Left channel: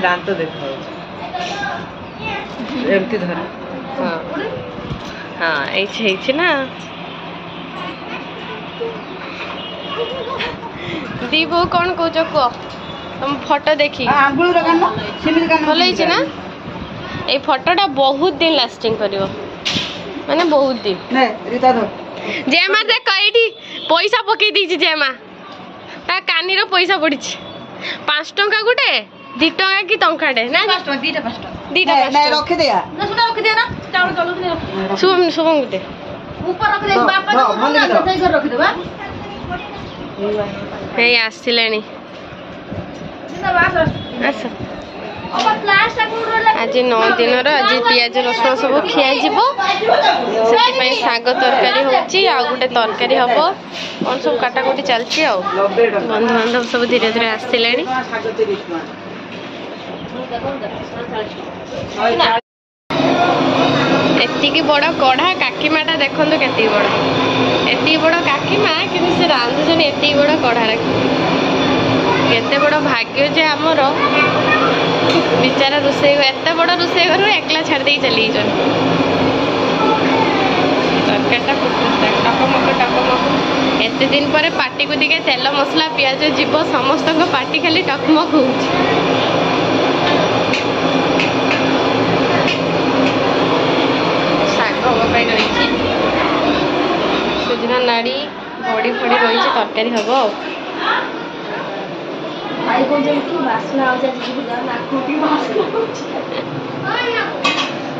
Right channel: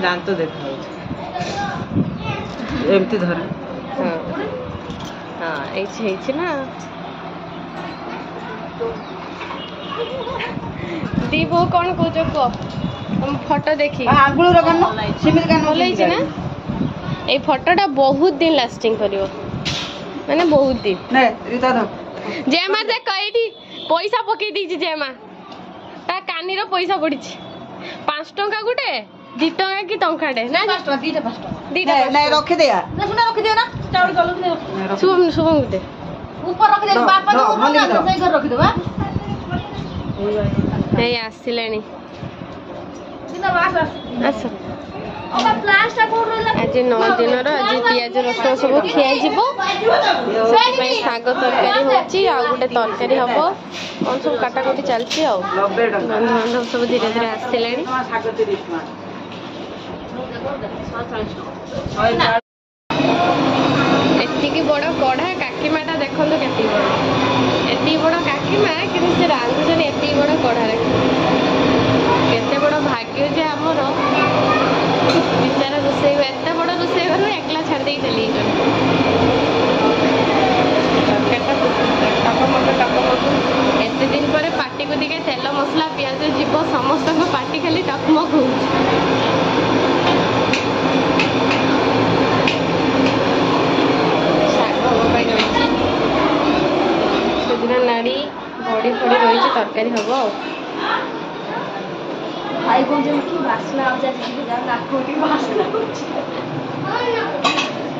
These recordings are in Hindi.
दांत देखा एमती धर हाँ हाँ ये ना दी बो कौन कौच कह तुम फोटो देखी भल ना ये फोटोटा बहुत दिन लास्टिंग करियो माने बहुत दिन जेमा देख ये पैसा पकई दी जेमा ता कानी रो पैसा पड़ी 5 टंका गुटे 2 टंका कि टंकाटे ना 5 टंका 2टा नहीं रख दिया ना सुना रख दिया ना चावल चावल रख शुभम शुभम गुटे ऊपर रख दे बापा तो सही कर रख देबा हे आसिलेनी आस आज 9 दिन आज पियाज रसुण सब खिया से शाग तरकारी होची आ गोटे तरकारी हम कौन सब काटाकुटी चलती बंधु बांधव सब धीरे धीरे आसिले एतिकी बड़ कढ़ा काकीमाटा देखो केती बड़ एति बड़ काकीमा कि से रांधुन एति बड़ कढ़ा केते बड़ भाग्य जे आमर बिचारा रोषे एत बड़ रोषे घर एकला छाड़ दे चली एते दिन पर पार्टी को दिखे तेल मसला पियाज जीव समस्त पार्टी खाली टकमक हो सुजना नाड़ी बड़ी फड़ी रही तरकारी हम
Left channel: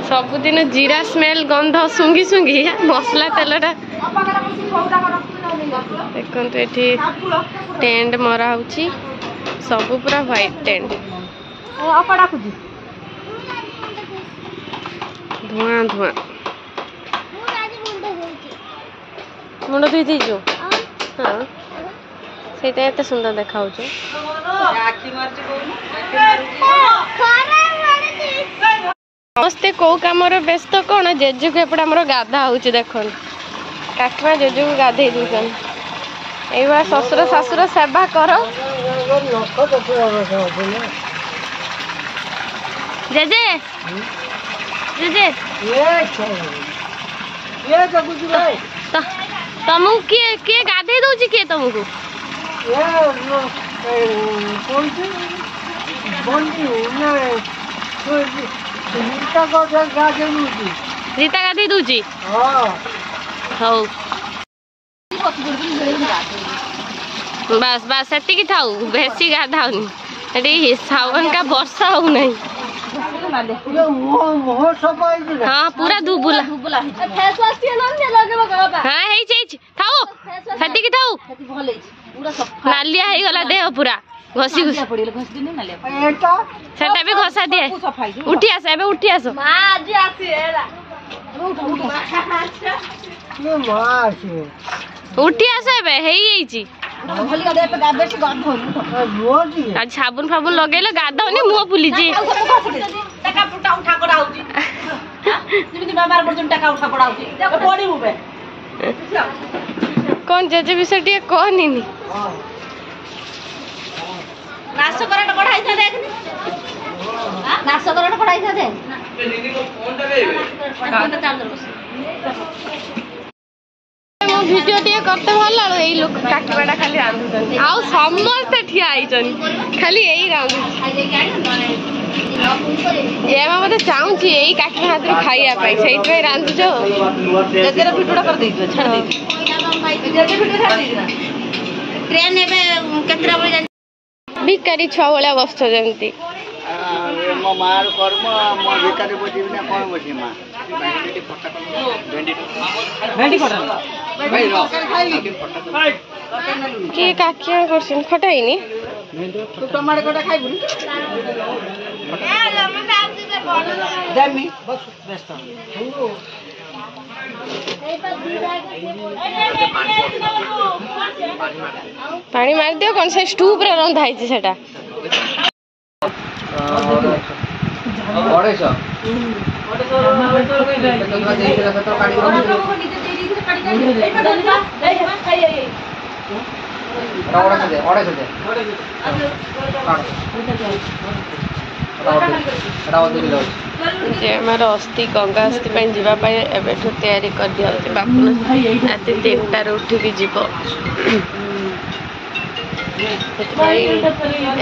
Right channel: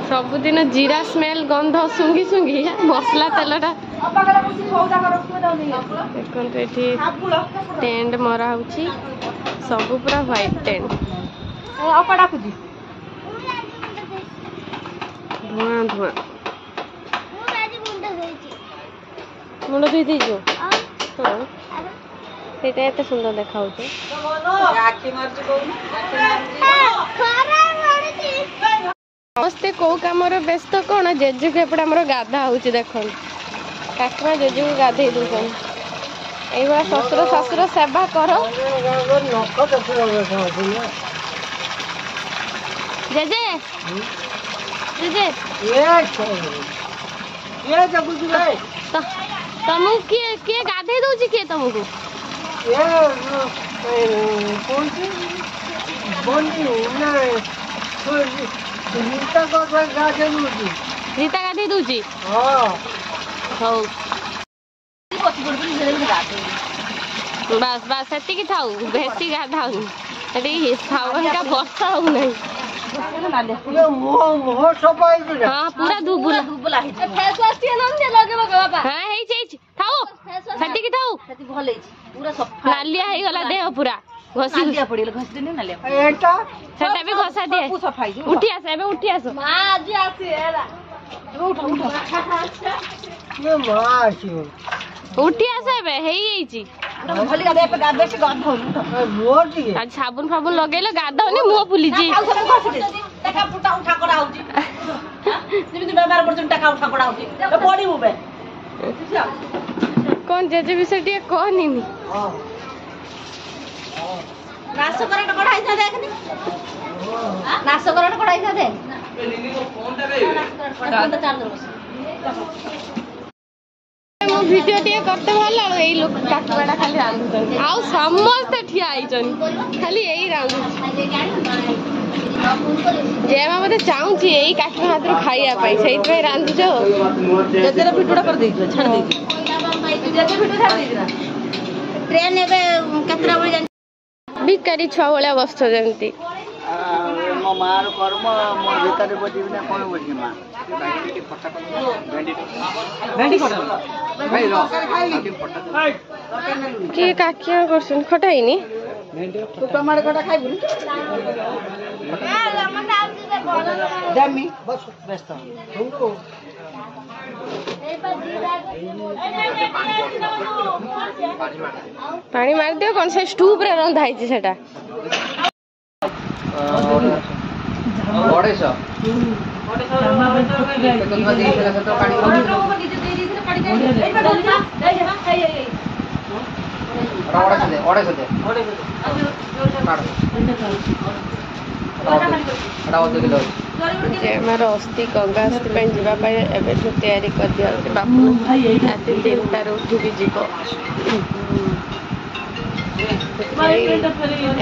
सबुदिन जीरा स्मेल गंध सुंगी सुंगी मसला तेलटा देखो ये टेंट मरा होची सब पूरा व्हाइट टेंट धुआं धुआं मुंड धुई दीजो हाँ सेटा एते सुंदर देखा होचे समस्ते कौ कम व्यस्त कौन जेजु को एपटे आम गाधा हो देख काकीमा जेजु को गाधे दूसन ये ससुर शाशुर सेवा कर जेजे जेजे तुमको किए गाधे दौची किए तुमको रीता गाधे दूची हौ बस बस सेतिकी थाऊ बेसी गाधाउनी सावन का वर्षा हो नहीं हाँ पूरा धुबुला हाँ थाऊ सेतिकी थाऊ नालिया हो गला देह पूरा घसी सेटा भी घसा दिए उठी आस एबे उठी आस उठी आस एबे हेई आज साबुन फाबुन लगेले गाधौनी मुह फुली कौन जेजे विषय टे कहनी नाशकरण कढ़ाई था देखने नाशकरण कढ़ाई था दे मो वीडियो टे करते भला एई लोक काकीबाटा खाली रांधुछन आ समस्त ठिया आइछन खाली एई रांधु जेमा मते चाहूची एई काकी हाथरो खाइया पाई सेई पे रांधु जो जेजेर भिडुडा कर देइछो छाड़ देइछो जेजे भिडुडा छाड़ देइछो ट्रेन एबे केतरा बजे भिकारी छुआ भाया बस जमी मो मार कर्म मो भिकारी बजी ना कौन बजी माँ किए काकिया करछन खटाइनी तू टमाटर खटा खाइबुनी जमी बस व्यस्त पानी मार दियो कौन से स्टूप रे रंधा है सेटा जे आमर अस्थि गंगा अस्थि जावाई एवं तैयारी कर दिया बापू राति 3टार उठिकी जीव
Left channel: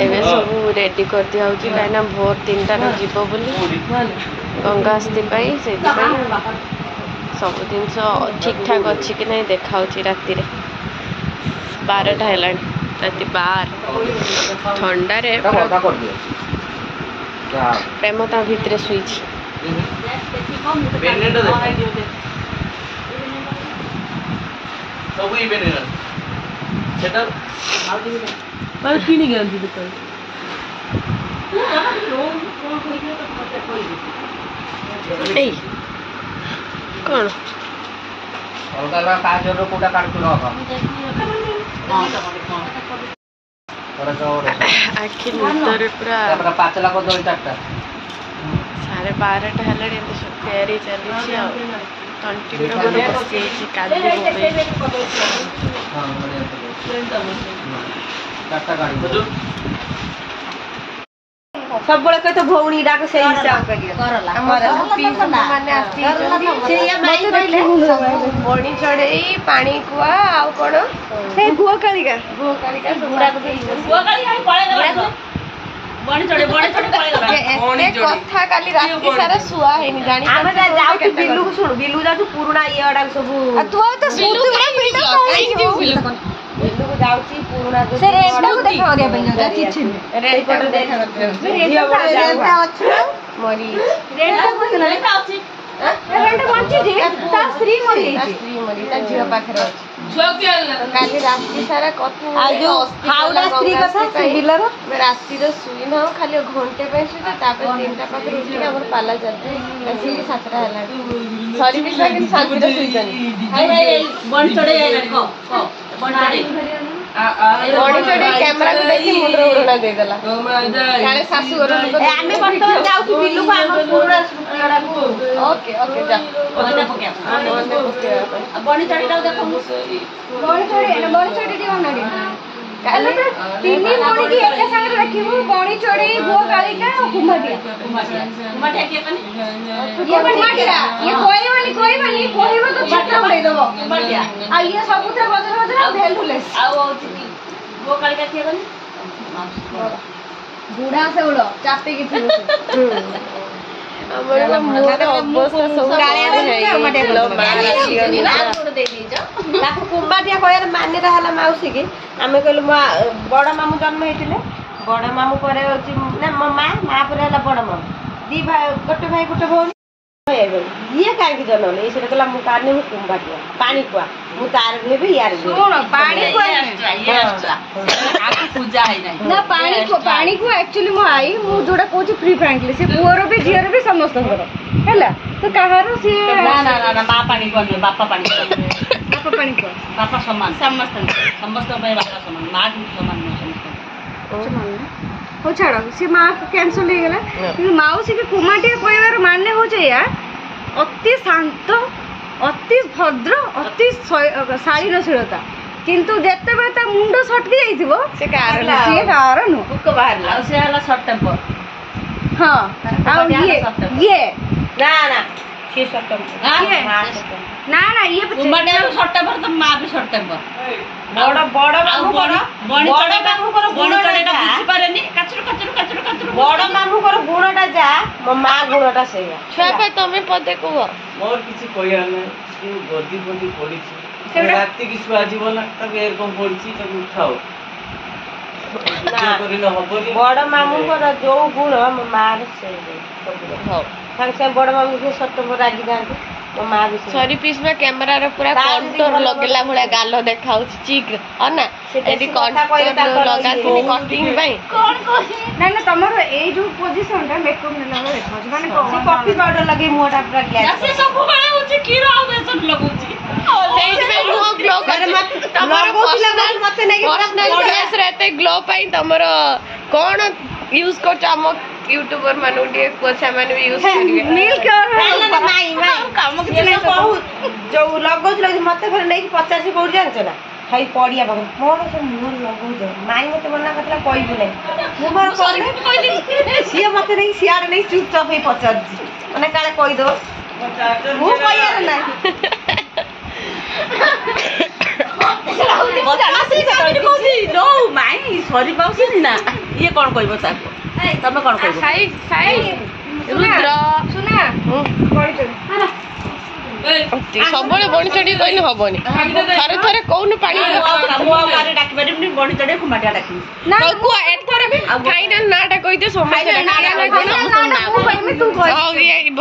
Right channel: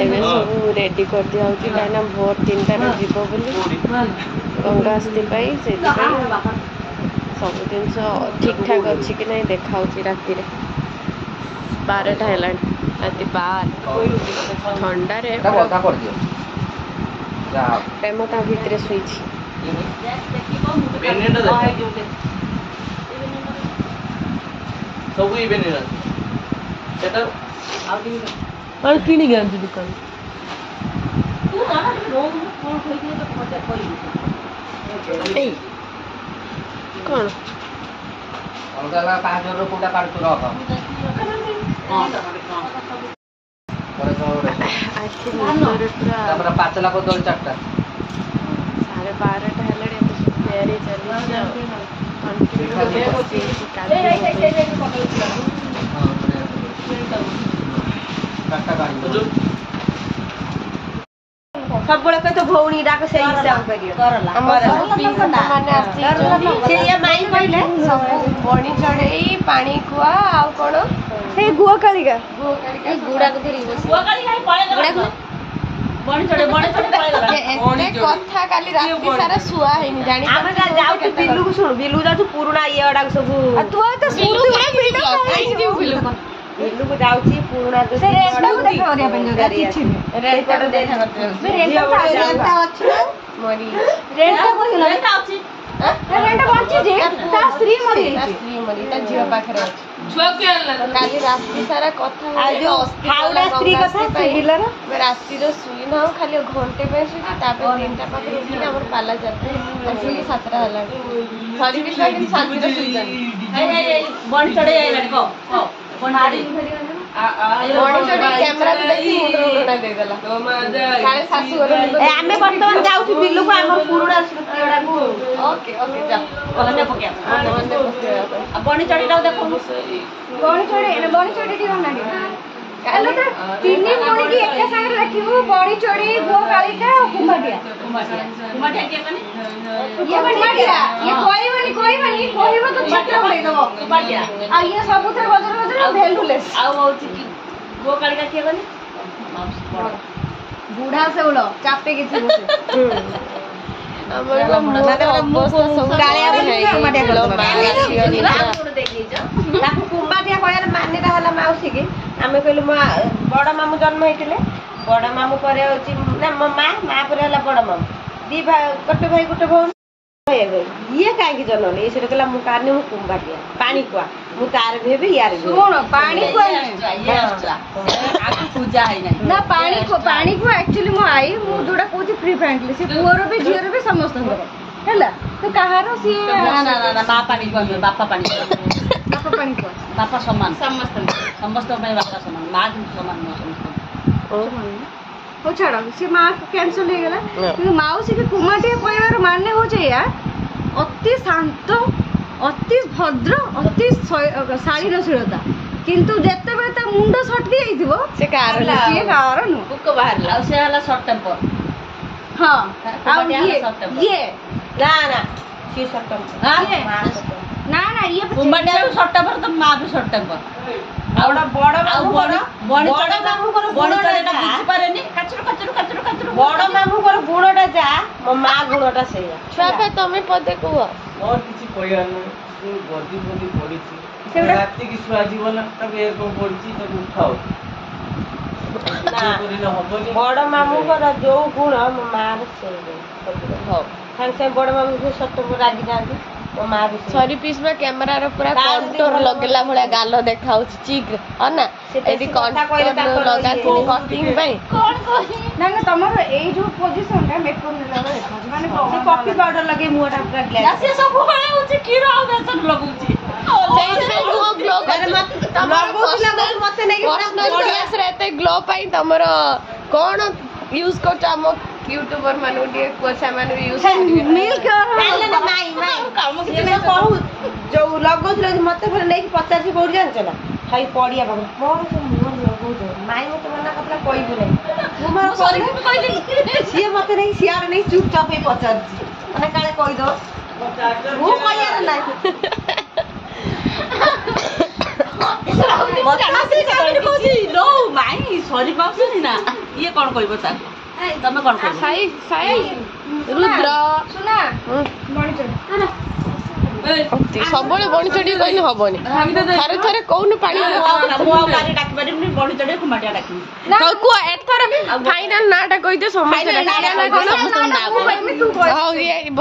एवं सब रेडी कर दिया कहीं भोर 3टार जीव बोली गंगा अस्थि से सब जिन ठीक ठाक अच्छी कि नहीं देखा राति 12टा है राति 12 ठंडारे प्रेम ता भितर शुईछि कौन आखि निदर पूरा 5,12,000 है तैयारी चली तंटी पूरा मोर बसी काली सब कह तो भौणी डाक से हिसाब करियो बणी चढ़ई पानी कुआ आउ कौन गुआ कालिका कथा काली राति सारा शुआ है जानी बिलु को सुन बिलु जा पुराना ये अडा सब तू तो स्मृति पूरा बिल्डअप काई दिउ बिलु बिलु को जाउची पुराना से रेंट को देखा दिया बन जा किछि रेंट को देखा रेंट अछि मरी रेंट को रेंट अछि रेंट कोन छी ता श्री मरी ता जीव पाखरे काली राति सारा कथा जो हाउडा स्त्री कथा बिलर राति रे सुई न खाली घंटे पे सुई तापर 3टा पाखरे उठी हमर पाला जाते असली 7टा हला सॉरी विश्वा कि शांति रे सुई जानी हाय बन चढ़े को बन चढ़े कैमरा को देखि मुंडरो उड़ा दे देला खाली सासु घर आमे बर्तमान जाउछु बिल्लू को हम पूरा सुप्रिया को ओके ओके जा ओके पकिया अब बन चढ़े दाउ देखो बन चढ़े दियो ना हेलो तो तीनी मोणी की एक संग रखिबो बणी चढ़े गुआ कालिका और कुमाटिया के कने ये कुमाटिया ये कोइबनी तो छक्का उड़े दबो कुमाटिया आ ये सबुते बदर भेलुलेस आ होची की गुआ कालिका के कने बूढ़ा से उड़ो चापे की थी हमर को मोर अवस्था सब है लो मार आसियो नित्रा लाखु कुंबाटिया कहले माने रहला माउसी की आमे कहलु बड़ मामू जन्म हेतिले बड़ मामू परे होची ना मां परे हला बड़ मामू दी भाई गोटे भाई गोटे भौन ये काहे की जन्म ले इसे कहला मु कारने मु कुंबाटिया पानी कुआ मु तार भेबे यार जे कोन पानी को ये एक्स्ट्रा आके पूजा है नहीं ना पानी को एक्चुअली मु आई मु जोडा कोची फ्री फ्रैंकली से पुअरो भी जियर भी समस्त घर हैला तो कहारो से ना मां पानी को बापा पानी को बापा समान समस्त भाई बापा समान मां समान समस्त हो छाड़ा से मां कैंसिल हो गेला कि माउसी के कुमाटिया कहबार माने हो जे यार अति शांत अति भद्र अति शालीनशीलता किंतु जेते बे ता मुंड सटकी जाइथिबो से कारण कुक बाहर आ से हला शॉर्ट टेम्पर हां ये ना से शॉर्ट टेम्पर ना ये कुमाटिया शॉर्ट टेम्पर तो मां भी शॉर्ट टेम्पर आउडा बड़ मामू कर गुणटा बुझी पारेनी कचरू बड़ मामू कर गुणटा जा मो मां गुणटा सेया छुआ पे तमे पदे को मोर किछि कहिया नै कि गदी पड़ीछि राति कि सुआ जीवन तब ए को पड़ीछि तो उठाओ बड़ मामू कर जो गुण मो मां से हो संग से बड़ मामू के सट्ट रागी जांती ओ मां भी सॉरी पीस में कैमरा रे पूरा कंटूर लगेला भड़ा गालो देखाउ चिक ना एडी कंटूर लगा कि कटिंग भाई कोन ना तमरो ए जो पोजीशन रे मेकअप ने लगा देखाउ माने कॉफी पाउडर लगे मुटा पूरा ग्लैस से सब बळे होची कीरो आ बेसन लगुची सेट में वो ग्लो कर तमरो पर्सनल फेस रहते ग्लो पाई तमरो कोन यूज कर चामो यूट्यूबर मानु दिए कोसा मानु यूज करिवे नील कर ना माई काम के नहीं कहू जो लगो मते फिर नहीं 50 कोड जानछ ना हाई पड़िया भाग मोर से मोर लगो କହୁଛ ମାଇଁ ମତେ ମନା କରିଥିଲା କହିବୁ ନାହିଁ ମୁଁ ମୋର କହିଲି ସିଏ ମତେ ନେଇ ସିଆଡେ ନେଇ ଚୁପଚାପ ହେଇ ପଚାରୁଛି ମାନେ କାଳେ କହିଦବ ମୁଁ କହିବାର ନାହିଁ ମାଇଁ ସରି ପାଉଛନ୍ତି ନା ଇଏ କଣ କହିବ ତାକୁ ତମେ କଣ କହିବ ସାଇ ସାଇ ରୁଦ୍ର ସବୁବେଳେ ବଣି ଚଢି କହିଲେ ହବନି ଥରେ ଥରେ କହୁନୁ ପାଣି ଡାକି ପାରିବିନି ବଣି ଚଢିଆ କୁମାଟିଆ ଡାକିବି ଫାଇନାଲ ନାଁଟା କହିଦେ ସମସ୍ତେ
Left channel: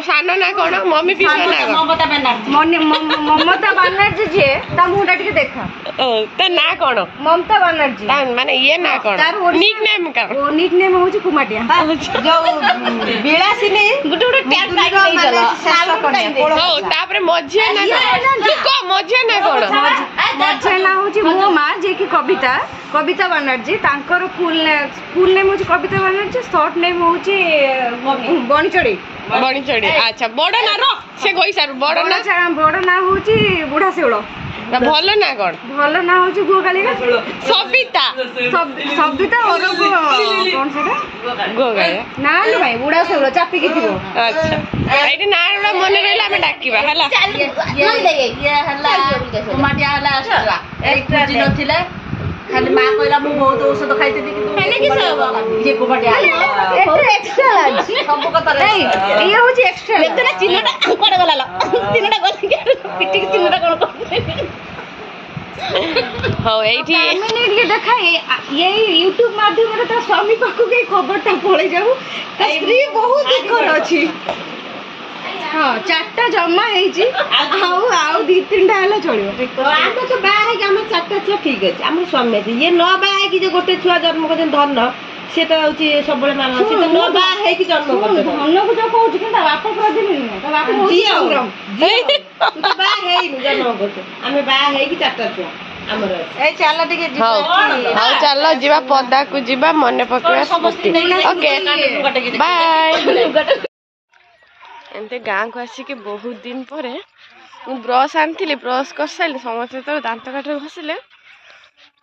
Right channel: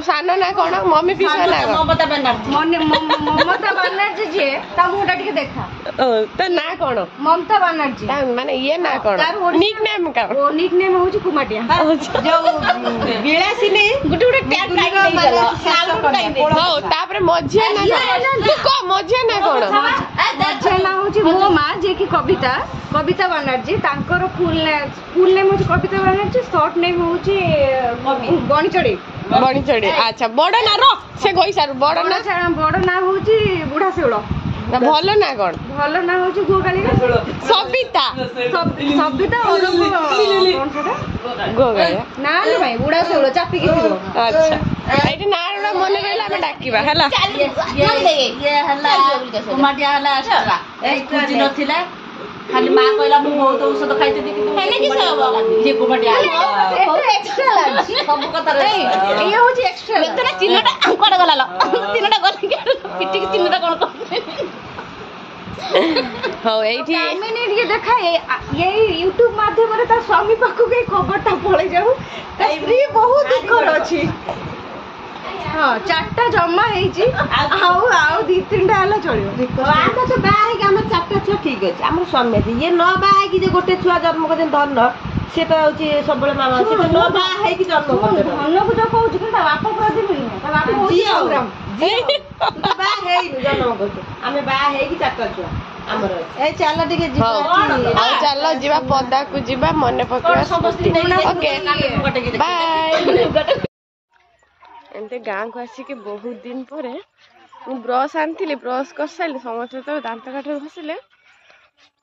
ସାନ ନା କଣ ମମି ପିସା ନା କଣ ମମତା ବାନାର୍ଜୀ ମମତା ବାନାର୍ଜୀ ଯିଏ ତା ମୁହଁଟା ଟିକେ ଦେଖା ତା ନାଁ କଣ ମମତା ବାନାର୍ଜୀ ମାନେ ଇଏ ନା କଣ ନିକ୍ ନେମ୍ କଣ ନିକ୍ ନେମ୍ ହଉଛି କୁମାଟିଆ ଯୋଉ ବିଳାସିନୀ ଗୋଟେ ହଉ ତାପରେ ମଝିଆ ନା କଣ ମଝିଆ ନା କଣ ମଝିଆ ନା ହଉଛି ମୋ ମା ଯିଏକି କବିତା କବିତା ବାନାର୍ଜୀ ତାଙ୍କର ଫୁଲ ନେମ୍ ହଉଛି କବିତା ବାନାର୍ଜୀ ସର୍ଟ ନେମ୍ ହଉଛି ବଣିଚଢେଇ ବଣିଚଢେଇ ଆଚ୍ଛା ବଡ ନା ର ସେ କହିସାରୁ ବଡ ନା ହଉଛି ବୁଢା ଶେଉଳ ଭଲ ନା କଣ ଭଲ ନା ହଉଛି ଗୁଅକାଳିକା ସବିତା ସବିତା କଣ ସେଟା ଗୁଅକାଳିକା ନା ଭାଇ ବୁଢା ଶେଉଳ ଚାପିକି ଥିବ ଆଚ୍ଛା ଏଇଠି ନାଁ ଗୁଡା ମନେ ରହିଲେ ଆମେ ଡାକିବା ହେଲା ଇଏ ହେଲା କୁମାଟିଆ ହେଲା ଏଇ ଖୁଜି ନଥିଲା ଖାଲି ମା କହିଲା ମୁଁ ବହୁତ ଔଷଧ ଖାଇଥିଲି କିନ୍ତୁ ଇଏ କୁମାଟିଆ ସବୁ କଥା ଇଏ ହଉଛି ଏକ୍ସଟ୍ରା ଚିହ୍ନଟା କୁଆଡେ ଗଲା ଚିହ୍ନଟା ଗଲି ପିଟିକି ଚିହ୍ନଟା କଣ ହଉ ଏଇଠି ଟିକେ ଦେଖା ଏଇ ୟୁଟ୍ୟୁବ ମାଧ୍ୟମରେ ତା ସ୍ୱାମୀ ପାଖକୁ ଏଇ ଖବରଟା ପଳେଇ ଯାଉ ତା ସ୍ତ୍ରୀ ବହୁତ ଦୁଃଖରେ ଅଛି ହଁ 4ଟା ଜମା ହେଇଛି ଆଉ 2-3ଟା ହେଲେ ଚଳିବ ଆମେ ତ ବାହା ହେଇକି ଆମର 4ଟା ଛୁଆ ଠିକ ଅଛି ଆମର ସ୍ୱାମୀ ଅଛି ଇଏ ନ ବାହା ହେଇକି ଯେ ଗୋଟେ ଛୁଆ ଜନ୍ମ କରିଛନ୍ତି ଧନ ସେଟା ହଉଛି ସବୁବେଳେ ମାମା ସେ ନ ବାହା ହେଇକି ଜନ୍ମ କରିଛନ୍ତି ଧନକୁ ଯୋଉ କହୁଛି କିନ୍ତୁ ତା ବାପ ପ୍ରତି ମିଳୁନି ତା ବାପ ବାହା ହେଇନି ଜନ୍ମ କରୁଛୁ ଆମେ ବାହା ହେଇକି 4ଟା ଛୁଆ ଆମର ଏଇ ଚାଲ ଟିକେ ଯିବା ହଉ ଚାଲ ଯିବା ପଦାକୁ ଯିବା ମନେ ପକେଇବା ଓକେ ବାଏ ଏମିତି ଗାଁକୁ ଆସିକି ବହୁତ ଦିନ ପରେ ମୁଁ ବ୍ରସ୍ ଆଣିଥିଲି ବ୍ରସ୍ କରିସାରିଲି ସମସ୍ତେ ଯେତେବେଳେ ଦାନ୍ତ କାଠିରେ ଘଷିଲେ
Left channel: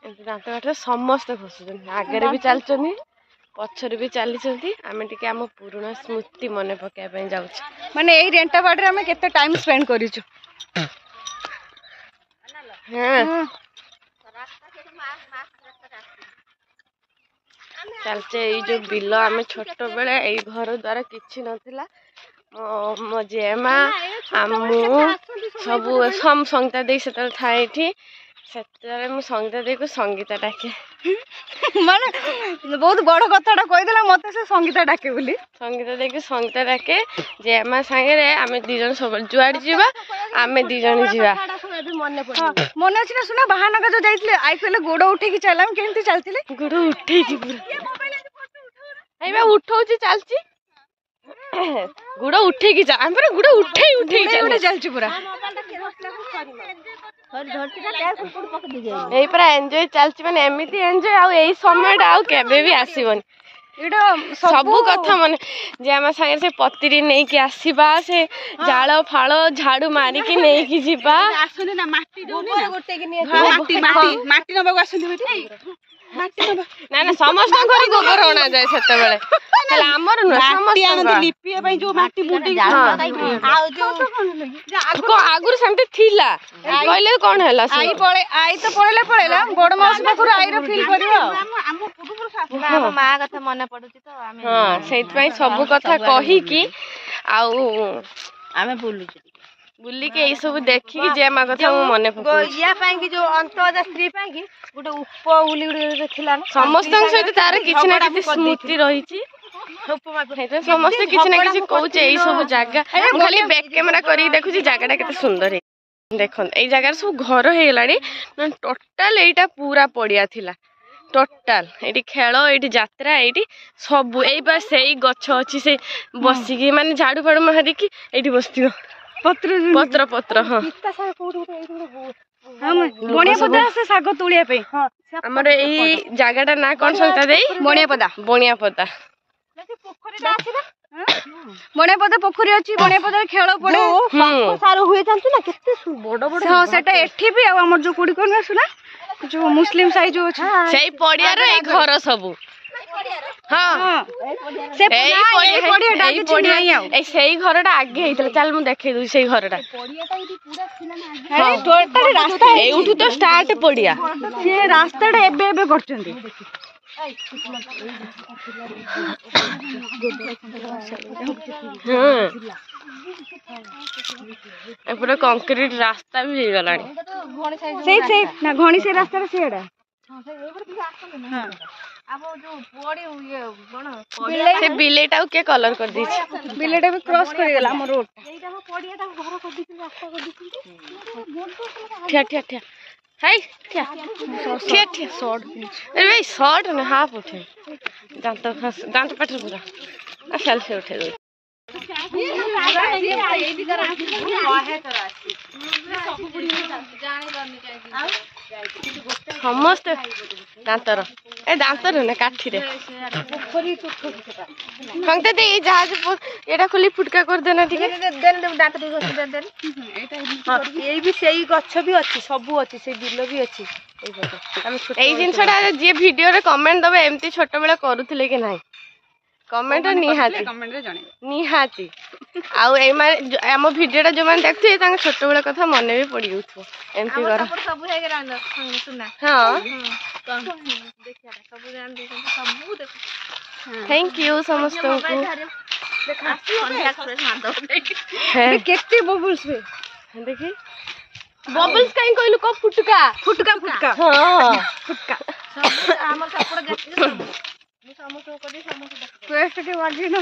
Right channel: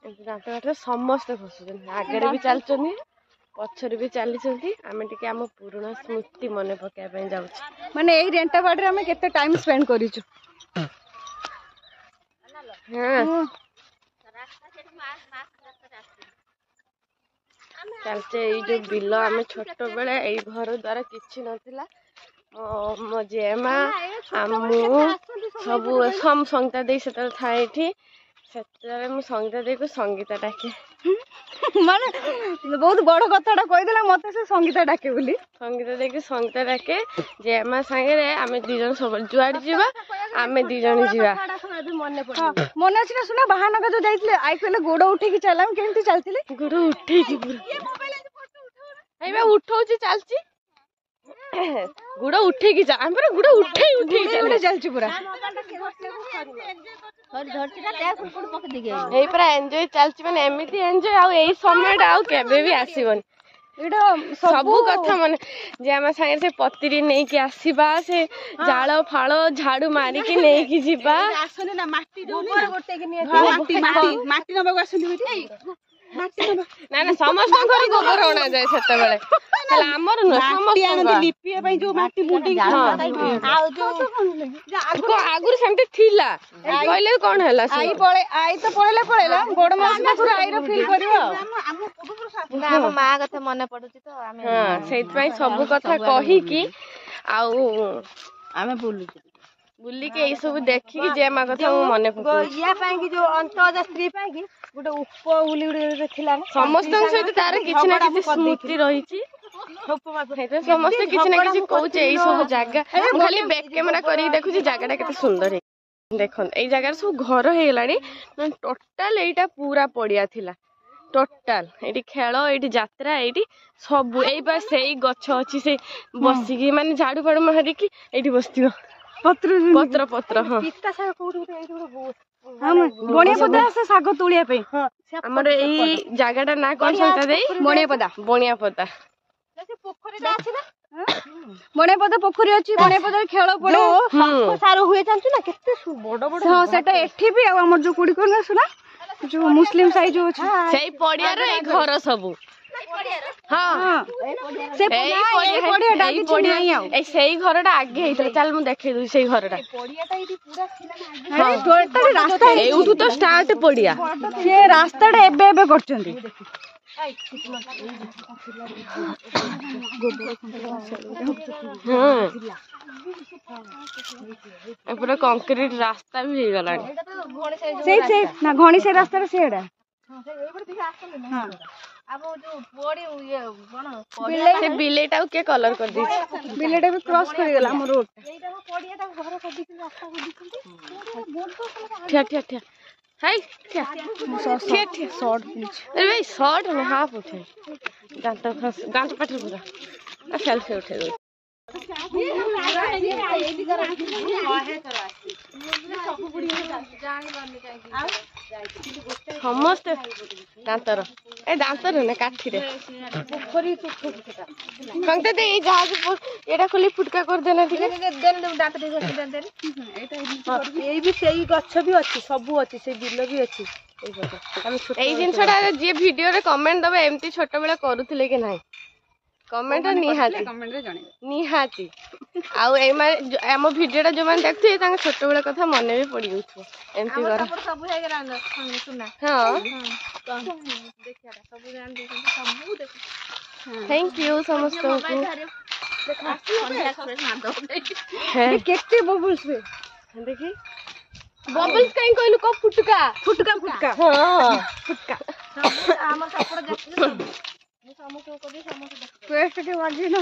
ଏମିତି ଦାନ୍ତ କାଠିରେ ସମସ୍ତେ ଘଷୁଛନ୍ତି ଆଗରେ ବି ଚାଲିଛନ୍ତି ପଛରେ ବି ଚାଲିଛନ୍ତି ଆମେ ଟିକେ ଆମ ପୁରୁଣା ସ୍ମୃତି ମନେ ପକେଇବା ପାଇଁ ଯାଉଛୁ ମାନେ ଏଇ ରେଣ୍ଟାବାଡ଼ିରେ ଆମେ କେତେ ଟାଇମ୍ ସ୍ପେଣ୍ଡ କରିଛୁ ଚାଲିଛେ ଏଇ ଯୋଉ ବିଲ ଆମେ ଛୋଟ ବେଳେ ଏଇ ଘର ଦ୍ୱାରା କିଛି ନଥିଲା ମୋ ଜେମା ମୁଁ ସବୁ ସଙ୍ଗୀତା ଦେଇ ସେତେବେଳେ ଥାଏ ଏଠି ସେତେବେଳେ ମୁଁ ସଙ୍ଗୀତା ଦେଇକୁ ସଙ୍ଗୀତା ଡାକେ ମାନେ ବହୁତ ବଡ କଥାଟା କହିଦେଲା ମତେ ସେ ସଙ୍ଗୀତା ଡାକେ ବୋଲି ସଙ୍ଗୀତା ଦେଇକି ସଙ୍ଗୀତା ଡାକେ ଜେମା ସାଙ୍ଗରେ ଆମେ 2 ଜଣ ସବୁବେଳେ ଯୁଆଡେ ଯିବା ଆମେ 2 ଜଣ ଯିବା ମନେ ଅଛି ନା ଶୁଣ ବାହାନଗା ଯୋଉ ଯାଇଥିଲେ ଆଇ କହିଲେ ଗୋଡ ଉଠେଇକି ଚାଲ ଆମେ କେମିତି ଚାଲିଥିଲେ ଗୋଡ ଉଠେଇକି ପୁରା ଏଇବା ଉଠଉଛି ଚାଲିଛି ଗୁଡ ଉଠେଇକି ଯା ଆମେ ପୁରା ଗୁଡ ଉଠେଇ ଚାଲିଛୁ ପୁରା ଏଇ ପୁରା ଏଞ୍ଜୟ ଚାଲିଛି ମାନେ ଏମିତି ଏଞ୍ଜୟ ଆଉ ଏଇ ସମୟଟା ଆଉ କେବେ ବି ଆସିବନି ଏଇଟା ସବୁ କଥା ମାନେ ଯେ ଆମ ସାଙ୍ଗରେ ସେ ପତିରି ନେଇକି ଆସିବା ସେ ଜାଳ ଫାଳ ଝାଡୁ ମାରିକି ନେଇକି ଯିବା ମାଟି ନବାକୁ ଆସନ୍ତି ନା ନା ସମସ୍ତଙ୍କର ଗୋବର ଅଣାଯାଏ ସେତେବେଳେ ହେଲେ ଆମର ନୁହେଁ ଲିପିବା ପାଇଁ ଯୋଉ ମାଟି ଆଗରୁ ସେମିତି ଥିଲା କହିଲେ କଣ ହେଲା ଆଇ ତ ପଳେଇଲା ବଡ ମାଉସୀ ପାଖରୁ ଆଇର ଫିଲ୍ କରିବ ମା କଥା ମନେ ପଡୁଛି ତ ହଁ ସେଇଥିପାଇଁ ସବୁ କଥା କହିକି ଆଉ ଆମେ ବୁଲୁଛୁ ବୁଲିକି ଏଇ ସବୁ ଦେଖିକି ଜେମା କଥା ମୁଁ ମନେ ପକଉଛି ୟା ପାଇଁ କି ଯୋଉ ଅନ୍ତଜା ସ୍ତ୍ରୀ ପାଇଁ କି ଗୋଟେ ଉପ ବୋଲି ଗୋଟେ ଥିଲା ସମସ୍ତଙ୍କ ସହିତ ତାର କିଛି ନା କିଛି ସ୍ମୃତି ରହିଛି ସମସ୍ତେ କିଛି ନା କିଛି କହୁଛେ ଏଇ ସବୁ ଜାଗା ମୁଁ ଖାଲି ବ୍ୟାକ୍ କ୍ୟାମେରା କରିକି ଦେଖୁଛି ଜାଗାଟା କେତେ ସୁନ୍ଦର ହେଇଛି ଦେଖନ୍ତୁ ଏଇ ଜାଗାରେ ସବୁ ଘର ହେଇଗଲାଣି ଟୋଟାଲ ଏଇଟା ପୁରା ପଡିଆ ଥିଲା ଟୋଟାଲ ଏଇଠି ଖେଳ ଏଇଠି ଯାତ୍ରା ଏଇଠି ସବୁ ଏଇ ବା ସେଇ ଗଛ ଅଛି ସେ ବସିକି ମାନେ ଝାଡୁ ଫାଡୁ ମାରିକି ଏଇଠି ବସିଥିବ ପତ୍ର ହଁ ଶାଗ ତୋଳିବା ପାଇଁ ଆମର ଏଇ ଜାଗାଟା ନା କଣ ସଙ୍ଗୀତା ଦେଇ ବଣିଆପଦା ବଣିଆପଦା ପୋଖରୀ ଅଛି ବଣିଆପଦାରେ ଖେଳ ପଡେ ସାର ହୁଏ ଜାଣିଛୁ ନା କେତେ ବଡ ବଡ ହଁ ସେଟା ଏଠି ବି ଆଉ ଆମର ଯୋଉ କୋଡି କଣ ଆସୁନା जो मुस्लिम साई जो सेई पड़ियार ए घर सब हाँ से पड़िया ए सेई घरटा आगे हेइतले चल मु देखै दू सेई घरटा एउठू तो स्टार्ट पड़िया से रास्ताटा एबे एबे करचंदी पूरा कंक्रीट रास्ता भी हो गलानी से ना घणी से रास्ता रे सेडा से बिलेटा के कलर कर दी बिलेटा भी क्रॉस कर गेला हमर रोड ठिया ठिया ठिया हाय ठिया ठिया ठिया शॉर्ट अरे भाई शॉर्ट में हाफ उठे दांत पटर पूरा आ फेल से उठे दो समस्त दांतर ए दांतर ने काठी रे संगते दे जहाज एटा खुली फुटका कर देना ठीक है देन दांत दे हां ए भी सेही गच्छ भी अछि सब अछि से बिल भी अछि ए जिनसटा जे वीडियो रे कमेंट दबे एमती छोट बेला करूथिले कि नाही कमेंट निहाती निहाती आउ ए माने हम वीडियोटा जो माने देखथि तांग छोट बेला कथा मने भी पड़ी उठो एमती कर सब हे गेला सुना हां सब जान दे सब देख थैंक यू समस्त को देखा कॉन्टैक्ट मान दो बे केते बबल्स बे देखी बबल्स काई कहलु को फुटका फुटका फुटका हां फुटका हमर कपड़ा देखि समोसा को दे समोसा पेस्ट के वाजी ना